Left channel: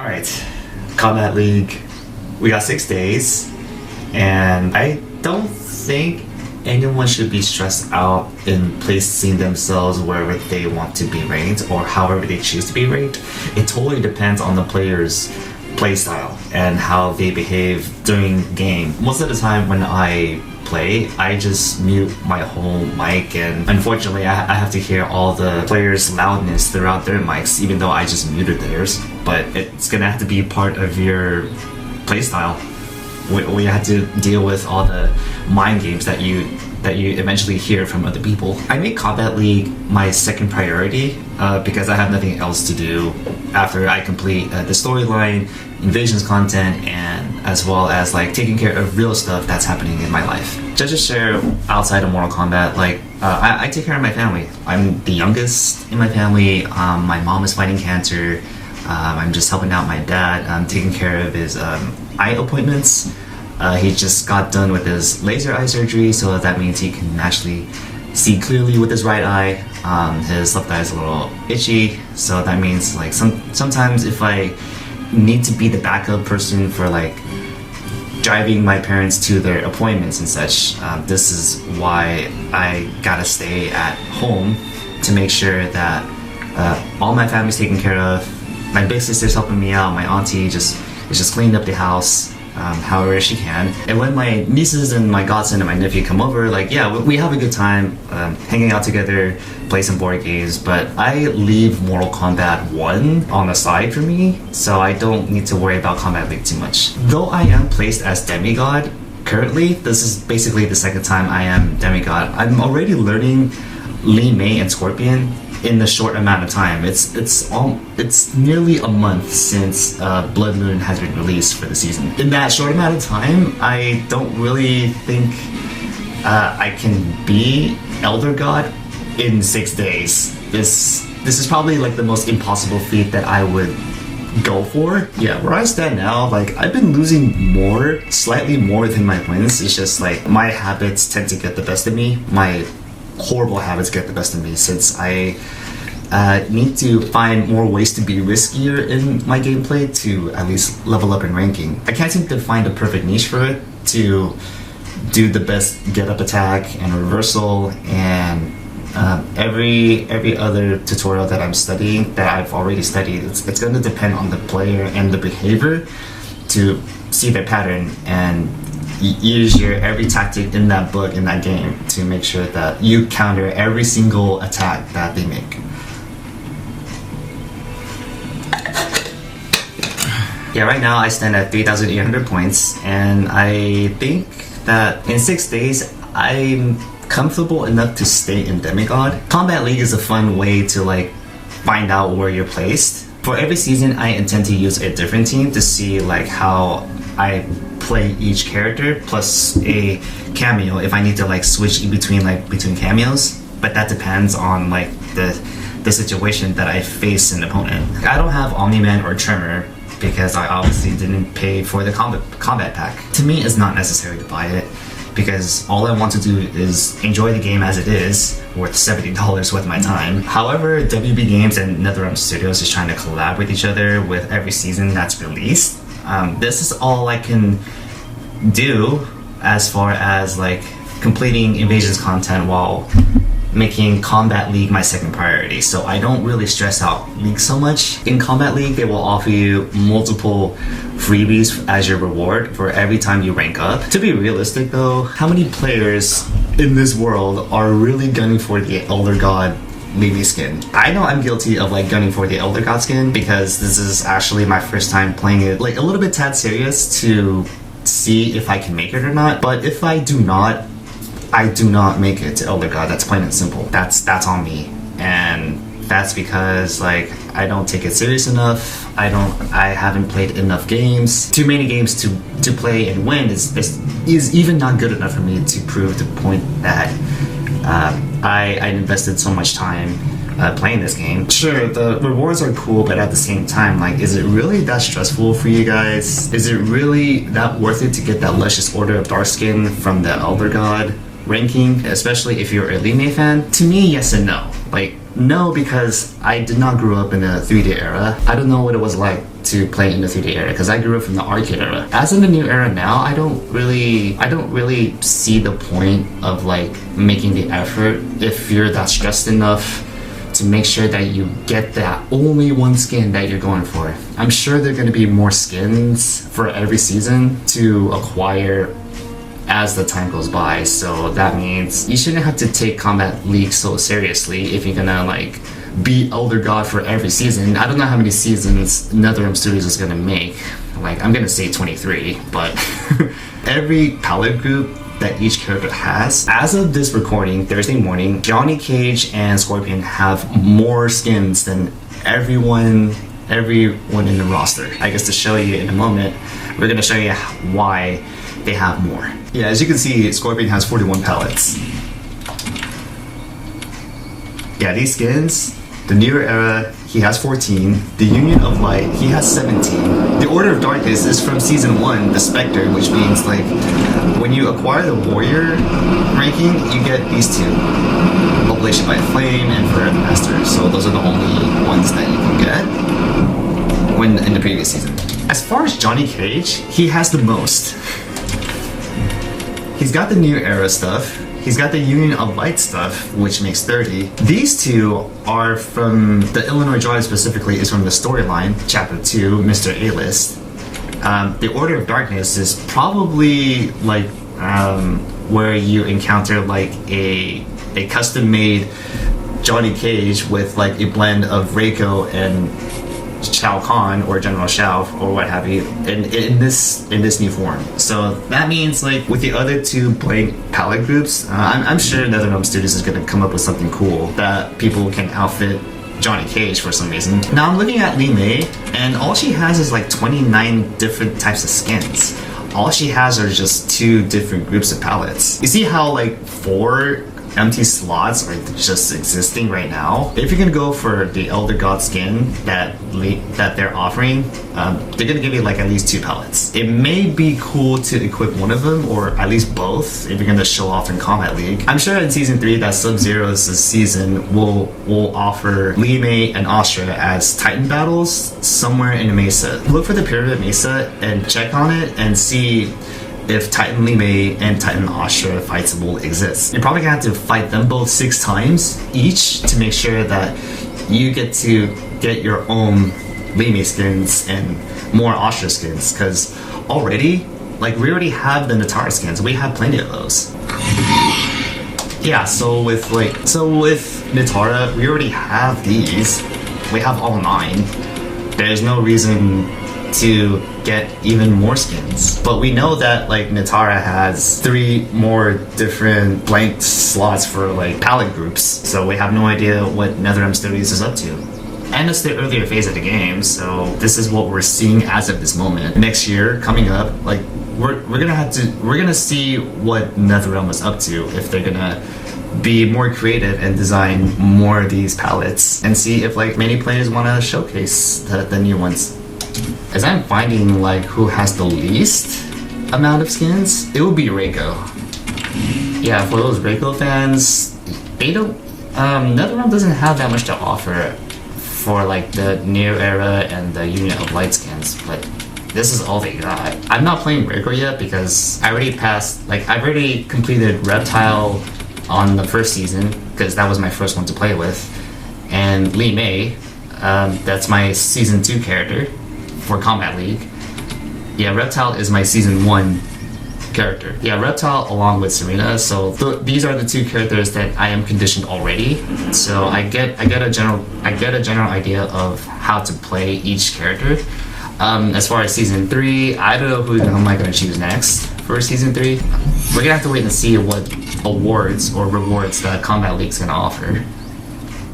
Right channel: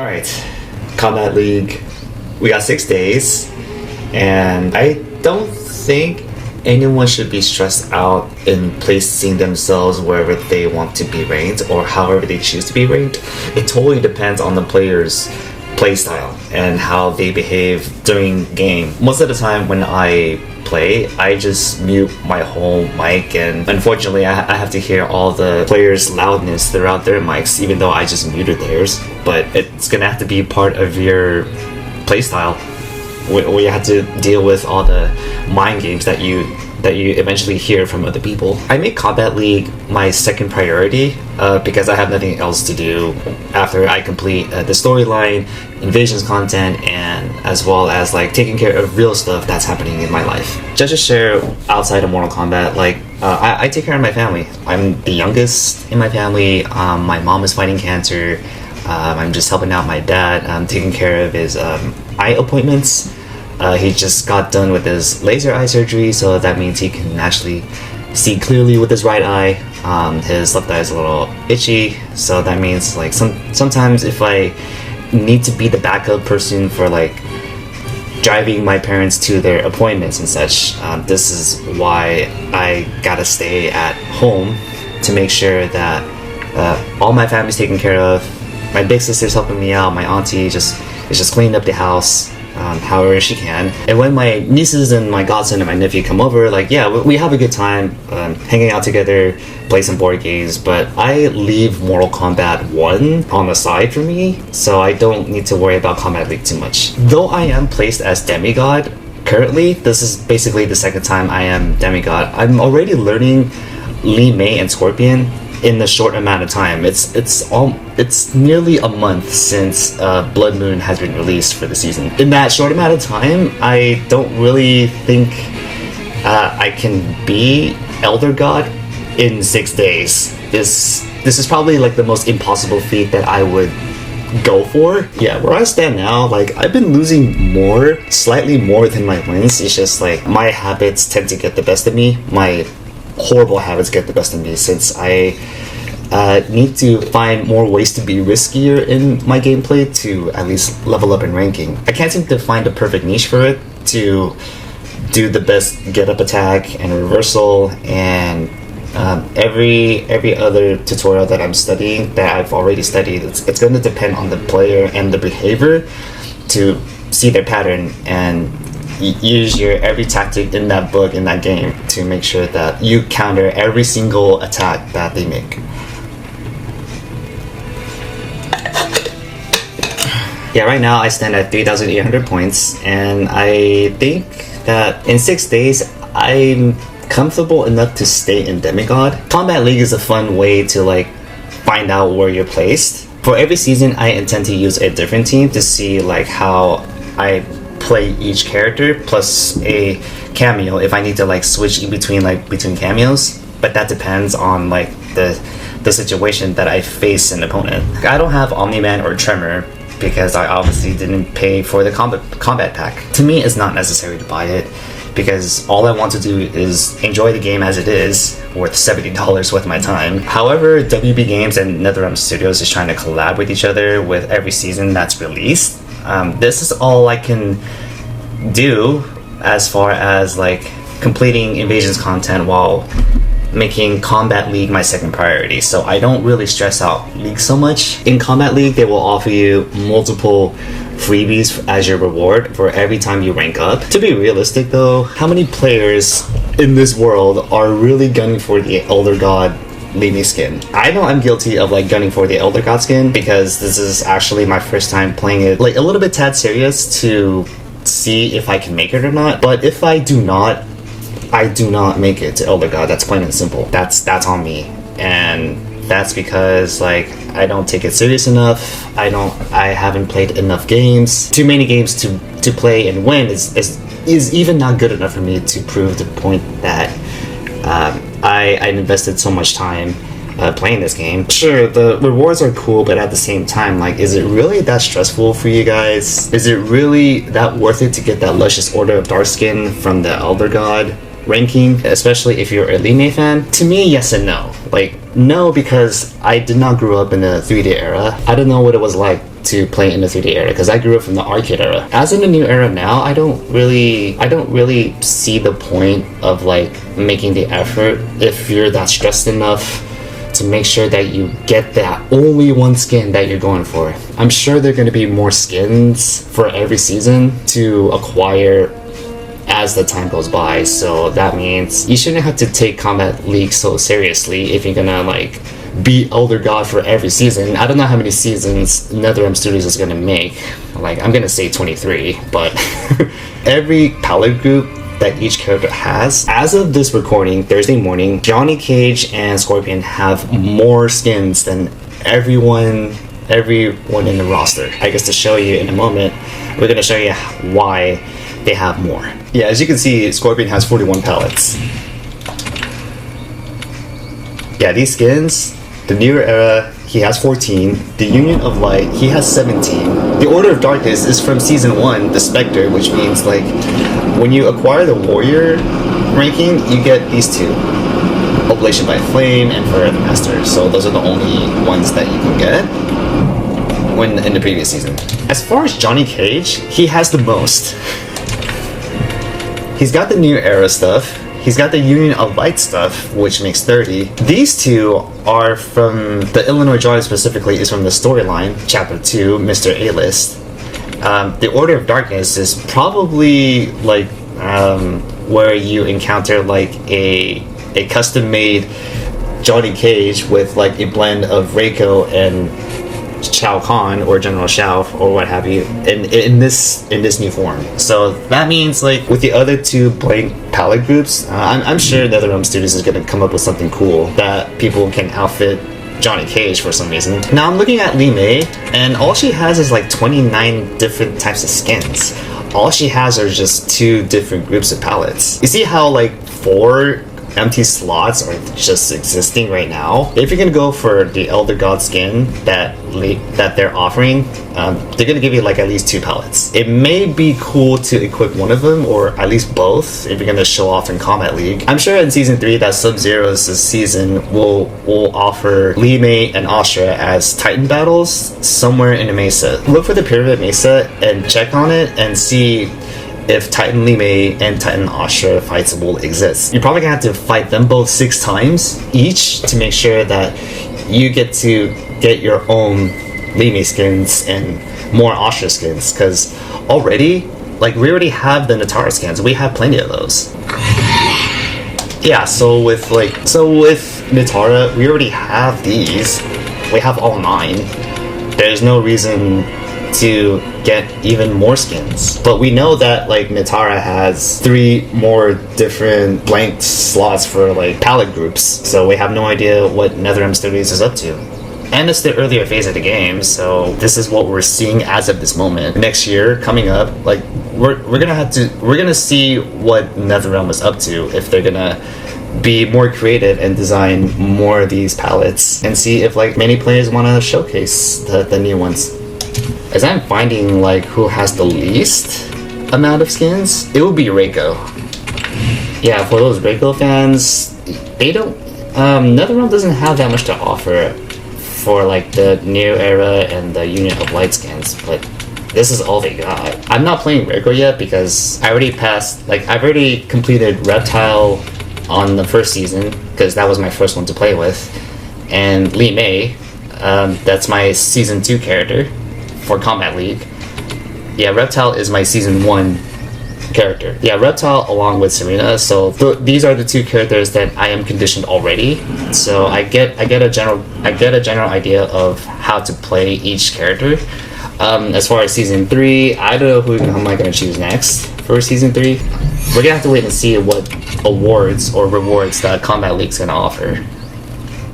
Alright, Kombat League. We got 6 days, and I don't think anyone should be stressed out in placing themselves wherever they want to be ranked or however they choose to be ranked. It totally depends on the player's playstyle and how they behave during game. Most of the time when I play, I just mute my whole mic, and unfortunately I have to hear all the players' loudness throughout their mics, even though I just muted theirs. But it's gonna have to be part of your playstyle where you have to deal with all the mind games that you eventually hear from other people. I make Kombat League my second priority because I have nothing else to do after I complete the storyline, invasions content, and as well as like taking care of real stuff that's happening in my life. Just to share outside of Mortal Kombat, like I take care of my family. I'm the youngest in my family. My mom is fighting cancer. I'm just helping out my dad. I'm taking care of his eye appointments. He just got done with his laser eye surgery, so that means he can actually see clearly with his right eye. His left eye is a little itchy, so that means like sometimes if I need to be the backup person for like driving my parents to their appointments and such, this is why I gotta stay at home to make sure that all my family's taken care of. My big sister's helping me out. My auntie is just cleaning up the house however she can. And when my nieces and my godson and my nephew come over, like, yeah, we have a good time hanging out together, play some board games, but I leave Mortal Kombat 1 on the side for me, so I don't need to worry about Kombat League too much. Though I am placed as demigod currently, this is basically the second time I am demigod. I'm already learning Li Mei and Scorpion in the short amount of time. It's nearly a month since Blood Moon has been released for the season. In that short amount of time, I don't really think I can be Elder God in 6 days. This is probably like the most impossible feat that I would go for. Yeah, where I stand now, like I've been losing slightly more than my wins. It's just like my habits tend to get the best of me. My horrible habits get the best of me since I need to find more ways to be riskier in my gameplay to at least level up in ranking. I can't seem to find a perfect niche for it to do the best get up attack and reversal and every other tutorial that I'm studying that I've already studied. It's going to depend on the player and the behavior to see their pattern and use your every tactic in that book, in that game, to make sure that you counter every single attack that they make. Yeah, right now I stand at 3,800 points, and I think that in 6 days I'm comfortable enough to stay in demigod. Kombat League is a fun way to like find out where you're placed. For every season I intend to use a different team to see like how I play each character, plus a cameo if I need to like switch between cameos, but that depends on like the situation that I face an opponent. I don't have Omni-Man or Tremor because I obviously didn't pay for the combat pack. To me, it's not necessary to buy it because all I want to do is enjoy the game as it is, worth $70 worth of my time. However, WB Games and NetherRealm Studios is trying to collab with each other with every season that's released. This is all I can do as far as like completing invasions content while making Kombat League my second priority, so I don't really stress out League so much. In Kombat League, they will offer you multiple freebies as your reward for every time you rank up. To be realistic though, how many players in this world are really gunning for the Elder God Levy skin? I know I'm guilty of like gunning for the Elder God skin because this is actually my first time playing it like a little bit tad serious to see if I can make it or not. But if I do not make it to Elder God. That's plain and simple. That's on me, and that's because like I don't take it serious enough. I haven't played enough games. Too many games to play and win is even not good enough for me to prove the point that I invested so much time playing this game. Sure, the rewards are cool, but at the same time, like, is it really that stressful for you guys? Is it really that worth it to get that luscious Order of Dark skin from the Elder God ranking, especially if you're a Li Mei fan? To me, yes and no. Like, no, because I did not grow up in the 3D era. I don't know what it was like to play in the 3D era because I grew up from the arcade era. As in the new era now, I don't really see the point of like making the effort if you're that stressed enough to make sure that you get that only one skin that you're going for. I'm sure there are going to be more skins for every season to acquire as the time goes by, so that means you shouldn't have to take Kombat League so seriously if you're gonna like be Elder God for every season. I don't know how many seasons NetherRealm Studios is gonna make. Like, I'm gonna say 23, but every palette group that each character has, as of this recording, Thursday morning, Johnny Cage and Scorpion have more skins than everyone in the roster. I guess to show you in a moment, we're gonna show you why they have more. Yeah, as you can see, Scorpion has 41 palettes. Yeah, these skins, the newer era, he has 14. The Union of Light, he has 17. The Order of Darkness is from Season 1, the Spectre, which means like when you acquire the Warrior ranking, you get these two. Oblation by Flame and Forever Master. So those are the only ones that you can get when in the previous season. As far as Johnny Cage, he has the most. He's got the new era stuff. He's got the Union of Light stuff, which makes 30. These two are from the Illinois drawing specifically is from the storyline, Chapter 2, Mr. A-List. The Order of Darkness is probably like where you encounter like a custom-made Johnny Cage with like a blend of Reiko and Shao Kahn or General Shao or what have you in this new form. So that means like with the other two blank palette groups, I'm sure NetherRealm Studios is going to come up with something cool that people can outfit Johnny Cage for some reason. Now I'm looking at Li Mei, and all she has is like 29 different types of skins. All she has are just 2 different groups of palettes. You see how like 4 empty slots are just existing right now? If you're gonna go for the Elder God skin that they're offering, they're gonna give you like at least 2 palettes. It may be cool to equip one of them or at least both if you're gonna show off in Kombat League. I'm sure in Season 3 that Sub-Zero's season will offer Li Mei and Astra as Titan battles somewhere in the Mesa. Look for the Pyramid Mesa and check on it and see if Titan Li Mei and Titan Astra fights will exist. You're probably gonna have to fight them both 6 times each to make sure that you get to get your own Li Mei skins and more Astra skins, because already, like, we already have the Natara skins. We have plenty of those. Yeah, so with Natara, we already have these. We have all 9. There's no reason to get even more skins, but we know that like Natara has 3 more different blank slots for like palette groups, so we have no idea what NetherRealm Studios is up to. And it's the earlier phase of the game, so this is what we're seeing as of this moment. Next year coming up, like we're gonna see what NetherRealm is up to, if they're gonna be more creative and design more of these palettes, and see if like many players want to showcase the new ones. As I'm finding like who has the least amount of skins, it would be Reiko. Yeah, for those Reiko fans, they don't NetherRealm doesn't have that much to offer for like the Neo era and the Union of Light skins, but this is all they got. I'm not playing Reiko yet because I've already completed Reptile on the first season because that was my first one to play with, and Li Mei, that's my Season 2 character for Kombat League. Yeah, Reptile is my Season 1 character. Yeah, Reptile along with Serena. So these are the 2 characters that I am conditioned already. So I get a general idea of how to play each character. As far as Season 3, I don't know who am I going to choose next for Season 3. We're gonna have to wait and see what awards or rewards that Kombat League's gonna offer.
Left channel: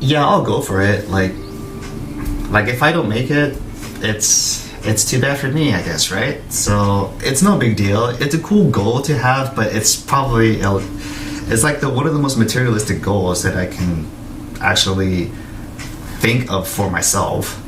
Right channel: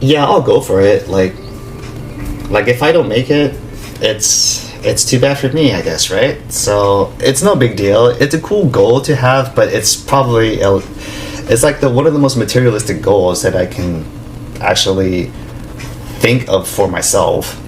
Yeah, I'll go for it. Like if I don't make it, it's too bad for me, I guess, right? So it's no big deal. It's a cool goal to have, but it's probably it's like one of the most materialistic goals that I can actually think of for myself.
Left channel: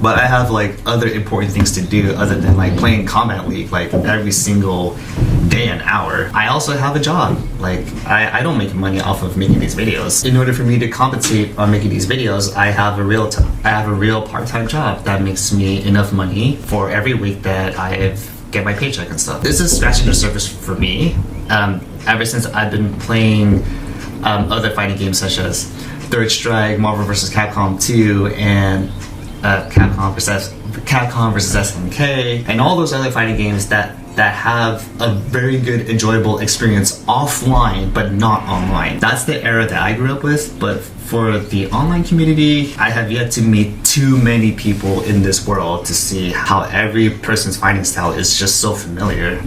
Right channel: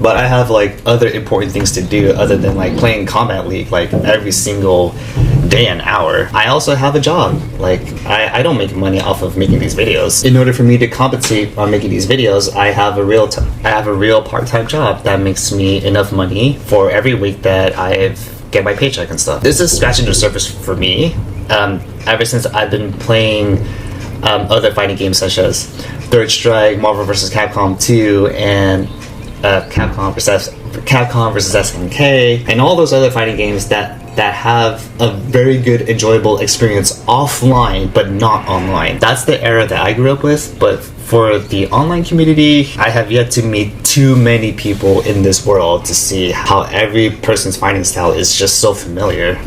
but I have like other important things to do other than like playing Kombat League like every single day and hour. I also have a job. Like I don't make money off of making these videos. In order for me to compensate on making these videos, I have a real part-time job that makes me enough money for every week that I get my paycheck and stuff. This is scratching the surface for me. Ever since I've been playing other fighting games such as Third Strike, Marvel vs. Capcom 2, and Capcom vs. SNK, and all those other fighting games that have a very good, enjoyable experience offline, but not online. That's the era that I grew up with, but for the online community, I have yet to meet too many people in this world to see how every person's fighting style is just so familiar,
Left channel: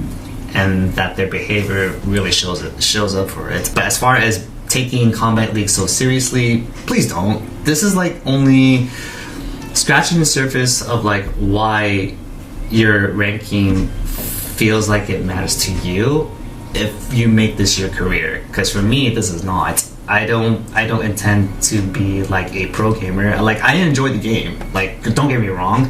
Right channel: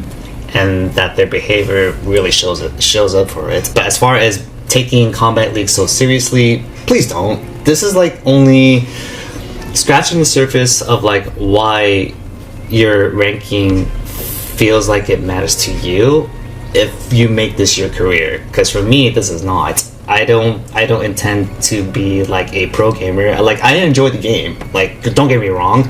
and that their behavior really shows up for it. But as far as taking Kombat League so seriously, please don't. This is like only scratching the surface of like why your ranking feels like it matters to you if you make this your career. Because for me, this is not. I don't intend to be like a pro gamer. Like, I enjoy the game. Like, don't get me wrong,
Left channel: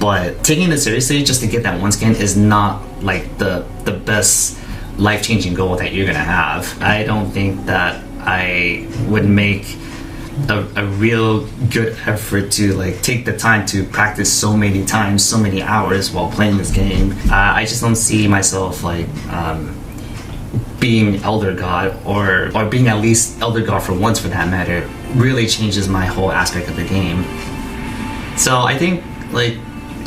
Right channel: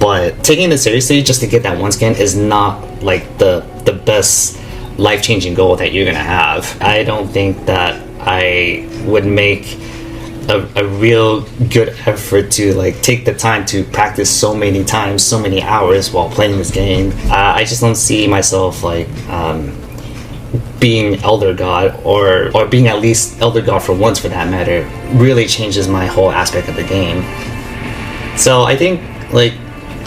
but taking it seriously just to get that one skin is not like the best life-changing goal that you're gonna have. I don't think that I would make a real good effort to like take the time to practice so many times, so many hours while playing this game. I just don't see myself like being Elder God or being at least Elder God for once, for that matter. Really changes my whole aspect of the game. So I think like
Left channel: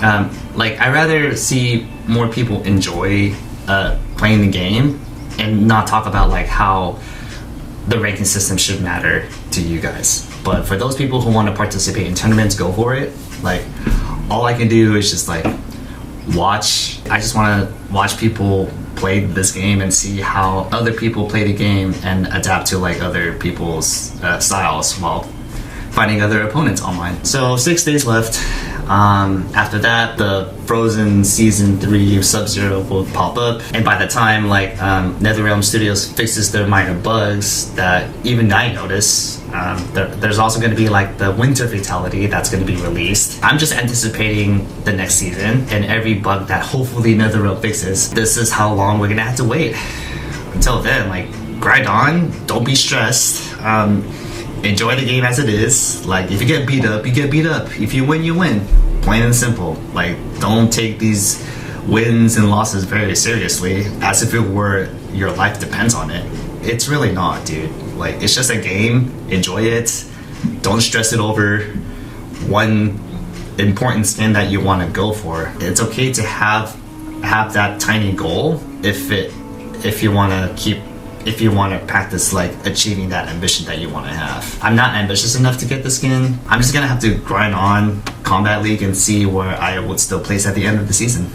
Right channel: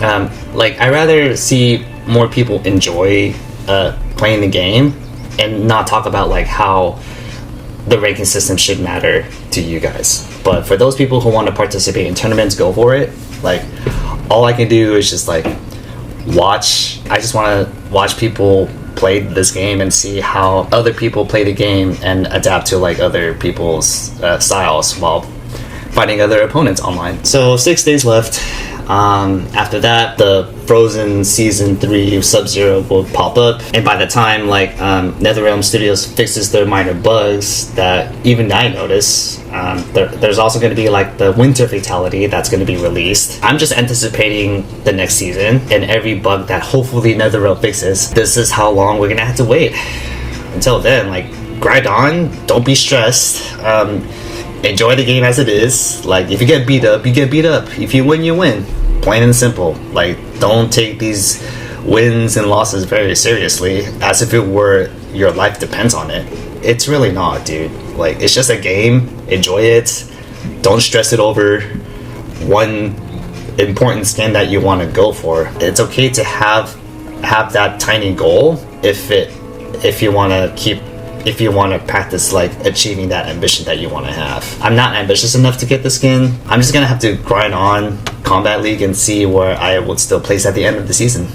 I rather see more people enjoy playing the game and not talk about like how the ranking system should matter to you guys. But for those people who want to participate in tournaments, go for it. Like, all I can do is just like watch. I just want to watch people play this game and see how other people play the game and adapt to like other people's styles while fighting other opponents online. So 6 days left. After that, the Frozen Season 3 Sub-Zero will pop up, and by the time like NetherRealm Studios fixes their minor bugs that even I notice, there's also going to be like the Winter Fatality that's going to be released. I'm just anticipating the next season and every bug that hopefully NetherRealm fixes. This is how long we're going to have to wait. Until then, like, grind on, don't be stressed. Enjoy the game as it is. Like, if you get beat up, you get beat up. If you win, you win. Plain and simple. Like, don't take these wins and losses very seriously as if it were your life depends on it. It's really not, dude. Like, it's just a game. Enjoy it. Don't stress it over one important skin that you want to go for. It's okay to have that tiny goal if you want to practice like achieving that ambition that you want to have. I'm not ambitious enough to get the skin. I'm just gonna have to grind on Kombat League and see where I would still place at the end of the season.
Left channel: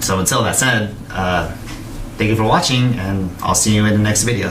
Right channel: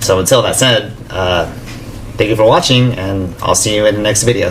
So until that said, thank you for watching, and I'll see you in the next video.